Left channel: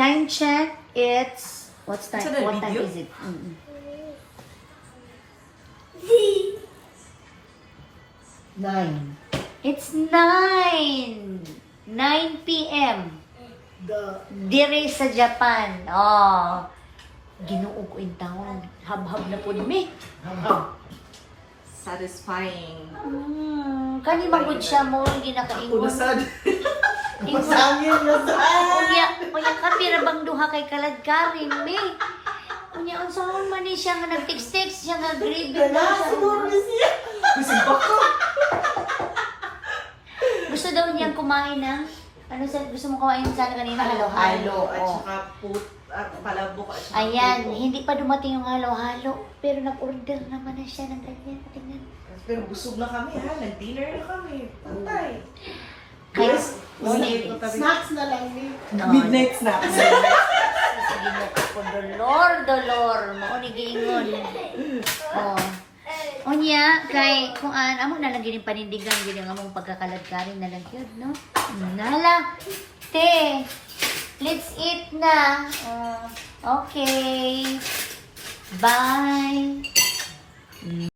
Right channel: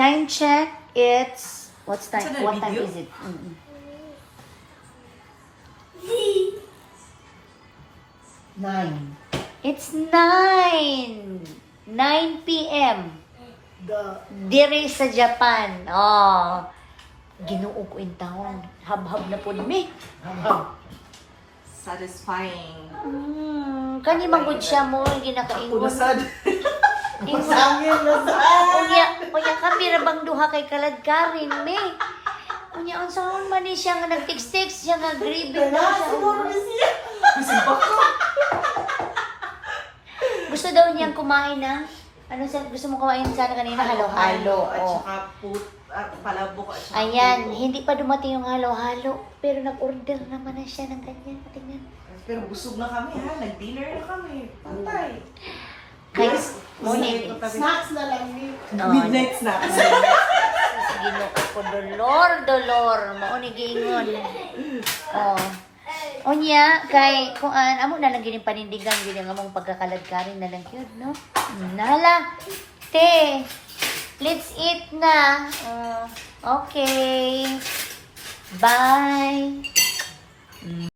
Time check, it's... What's time? Saan na What time video? is it? Nine. It's 9. 9 p.m. Dire sa Japan. Oh. Ginoo ko yung tawag. Hab-hab na po ni. Satisfying. Kani magod siya mo, ginakaingon. Pulasad. Masangin na sa Kuya kami rabang duha kay kaladkarin, me. Kunya, ang sangon man ni siya nga nag-text-text siya nga grade na siya. Gusto daw niyang kumain na. Ano siya, gusto mo kumain sana kanina? Halo-halo. At Oh. saka palabok at saka Ayan, puto. hindi pa dumating yung halo-halo. Pero nag-order naman na siya ng ganyan. Tingnan. Pero busog na kami ha. Nag-dinner na kami. Pantay. Guys, snacks na lang. Midnight snacks. sige mo ko, dolor. Maunigingon. Oh. Unya, kay, kung amo na lang gining panindigan, gining among pagkakaladkarin na lang yun, no? Nala, te, let's eat na. Okay. Bye.